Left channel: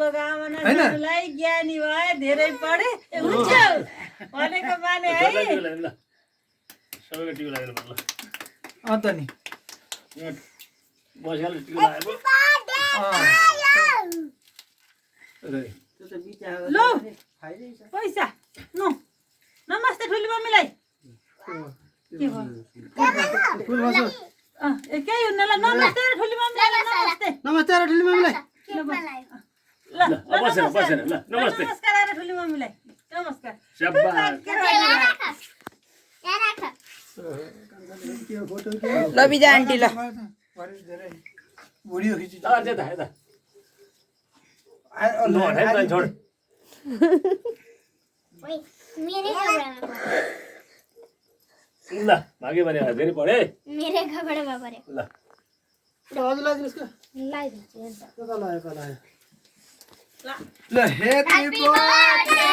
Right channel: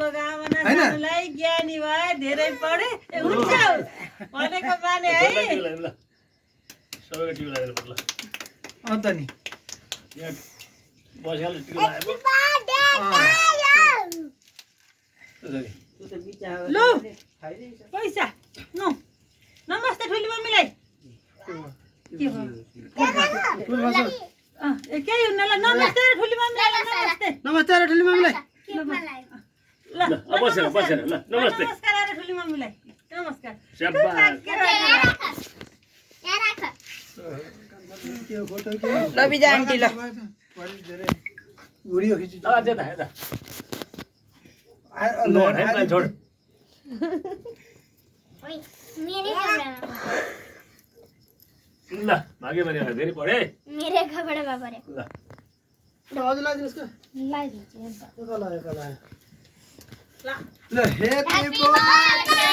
शुभकामना सानोलाई ज्ञानी भए धेरै पढे हुन्छ भनेको माने है सबैको टिभी लागेर ल त नि यहाँ बसेर टिभी लगाएको लु पैसा नो नमस्ते ठुली मम्मीलाई के भयो के हुन्न ल नमस्ते ठुली मम्मीलाई नमस्ते नमस्ते रे ठुली मम्मीलाई ल बसेर बसेर ल नमस्ते नमस्कार अरे ठुली मम्मीलाई नमस्कार स्याबास ल बिजा आन्टी ल भिडियो खिच्छु यता यता नोट है भाइ छोड ल भाग्यो भने धेरै पढे मेरे कपड़े में पड़े ल हजुर लाइदिनुहोस् त लाइदिन्छु त्यो त लगायो ल ह्यापी बर्थडे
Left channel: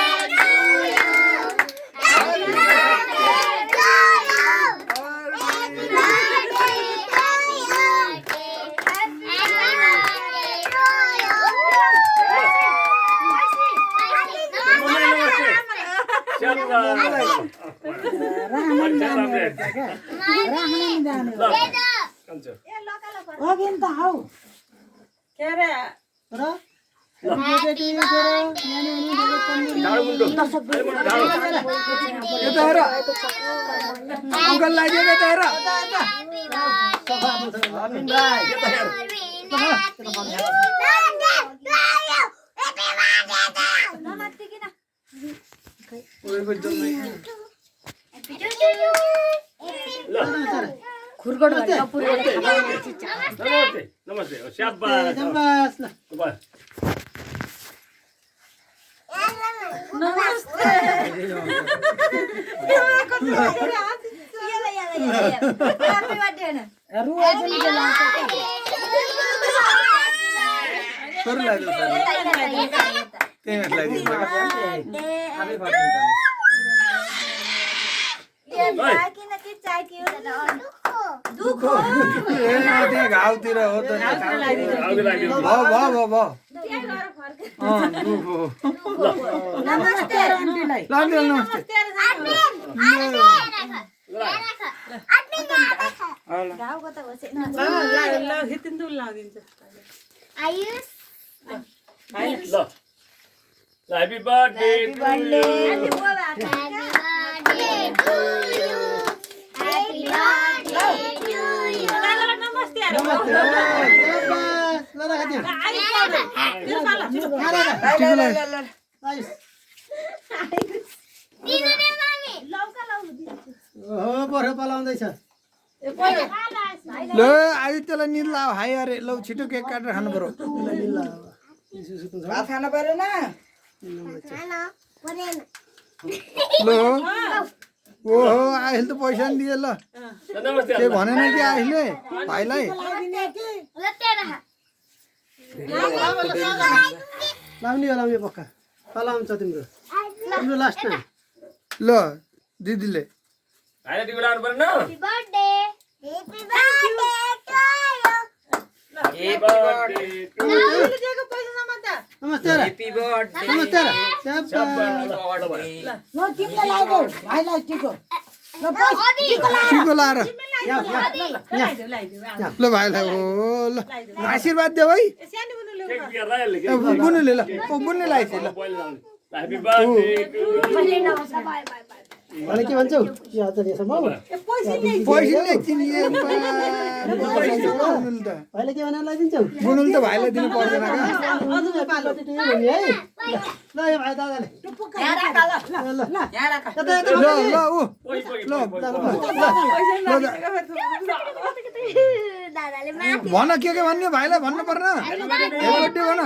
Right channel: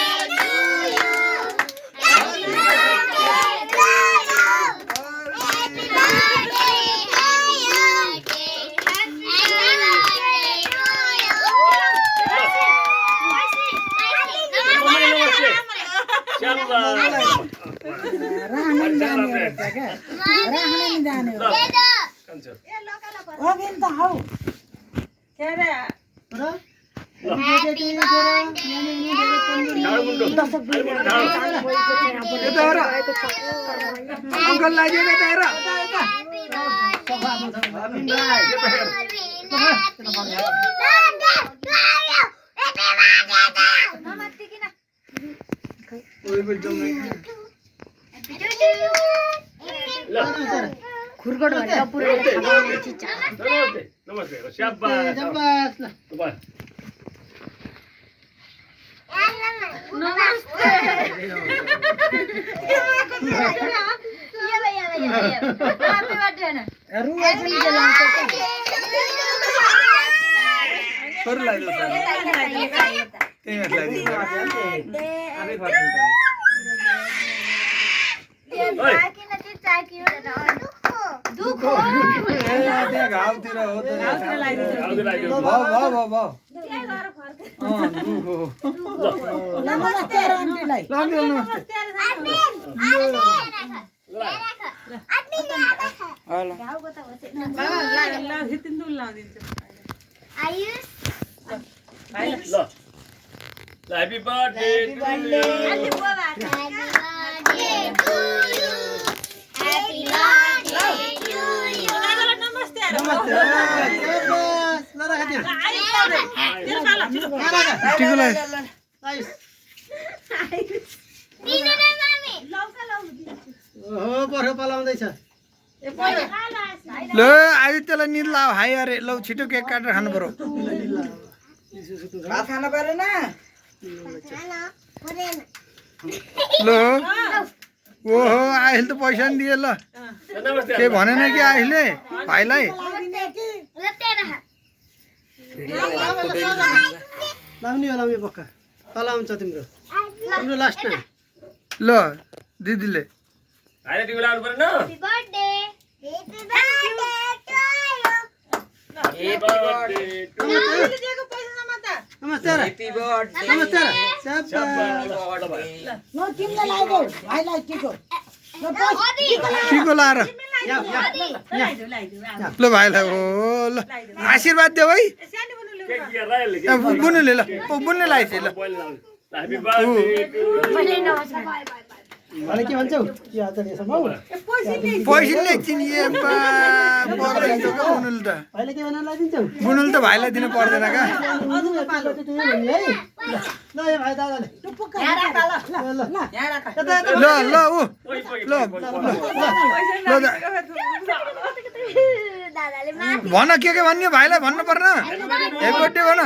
अंकल लाग्यो यता हेर खुरगड भनेर पुरेर खाने चिज नमस्ते नमस्ते स्याबास बस ल नमस्ते घाउतिर हो त नमस्ते आन्टीलाई हैप्पी बर्थडे ल आदित्यलाई निद लाऊ हाई अरे लौ छिटो केक काटेर खानु पर्यो खाना परेन ल ओहो अहिले त पैसा नि दिए ल के भनेन कि अहिले भाइलाई लाउने होला उयो पक्का पलाउँछ तिम्रो तिम्रो लास्ट ल दिदीले भाइले टिभी लगाउनु पर्दैन हैप्पी बर्थडे टु यु नमस्ते ह्यापी बर्थडे नमस्ते ल तिमीलाई लाग्यो भाइलाई टिको टिको लाएर ल भाइलाई हो ल आशीर्वाद देऊ है केक लिएर यसले के बुनुले ल बुन्ने लगाइदिए ल हैप्पी बर्थडे टु अनि के भन्छौ के हाल्छ नि यसमा पैसा चिनिए बुनुल त भाइले के भनेर लगाइदिन्छौ बुनुल त भाइलाई दिनु पर्दैन का है ल यो भाइ दादाले ल ल ऊ ल ल दादाले भन के भन्ने भाइलाई भन्नु पर्न ह्यापी बर्थडे भन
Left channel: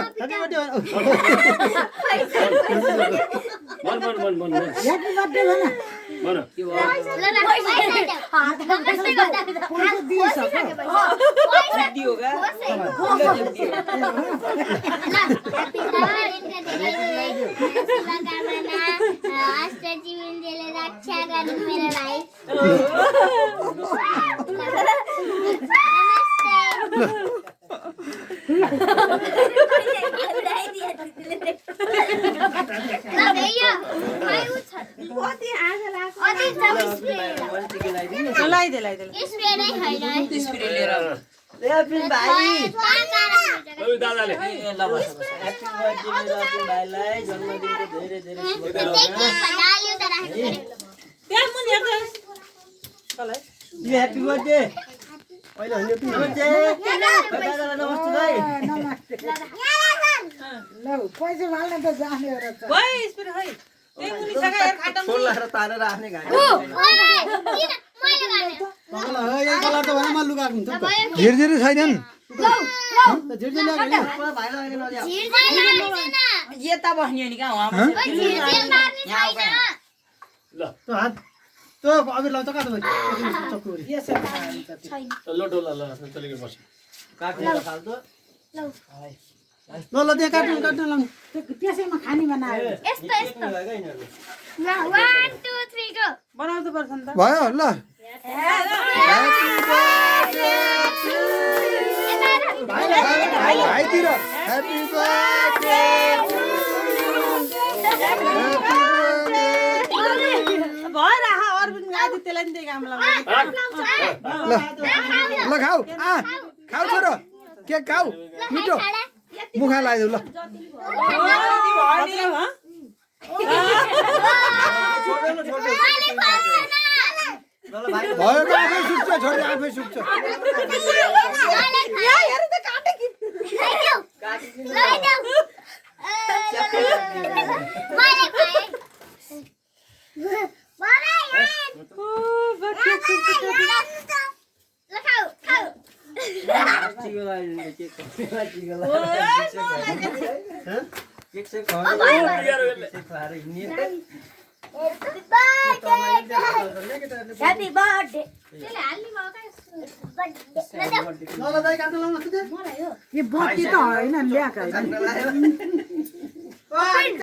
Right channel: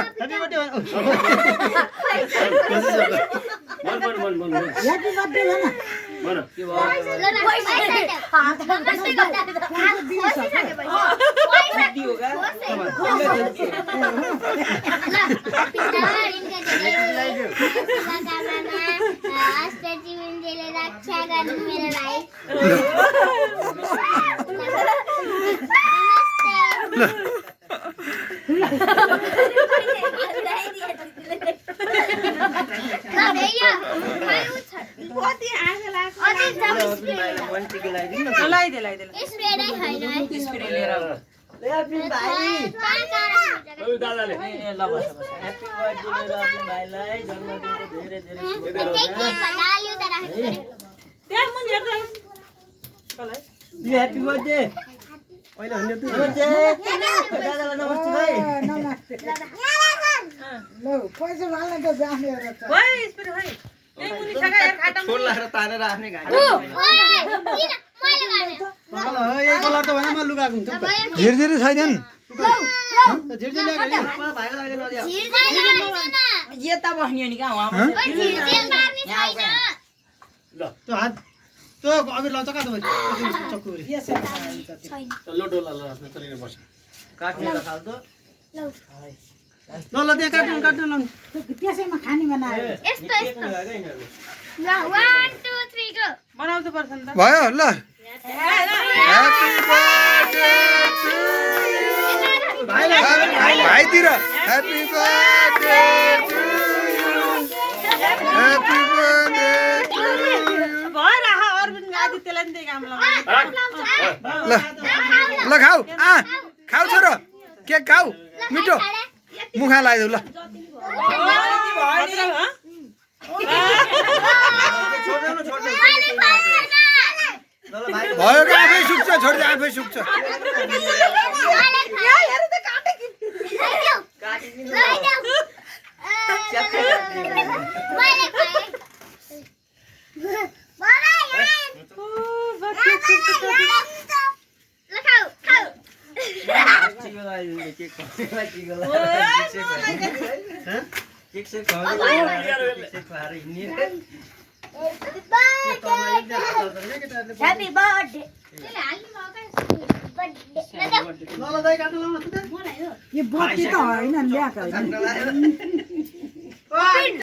रक्षा गर्नु मेरो भाइ नमस्ते त्यहाँ मुनि हेर्दा ह्याप्पी बर्थडे अहिले नमस्ते दादालाई नमस्ते भाइ भाइ स्पिड भाइ त्यही मुनि सका हेर खाटा मुनि तारेर आफ्नै घाँटी किन मैले गर्ने यही कलर त भने म लुगाएको हुन्छ नि त धीरे धीरे छैनन् झिर्झिर ल्याएको भाइलाई अहिले नदिया यता बस्ने नि कहाँ हँ? ल त्यो हात त्यो अबिर लाउँछ कहाँ त चक्कुरी ल डोला ल आफ्नो तरिका बस ल ल त्यहाँ काट्नु काट्नु लाउनु त्यसैमा खाने बनायो यस्तो यस्तो ल 1 2 3 गो बनाउँनु पर्छ नि त भयो ल ह्याप्पी बर्थडे भाइतिर ह्याप्पी बर्थडे ह्याप्पी बर्थडे भयो राख अरविन्द आदित्यलाई नि त्यही काम लाउनु ल ल खाऊ खाऊ छोरो केक खाऊ मिठो मुखा लगाइदेऊ ल भयो कि आफै सुक्छ छोड्दै आफै सुक्छ Happy birthday. ल दाइ काट्नु लाउनु यो बत्ती त होइन ल्याएको होइन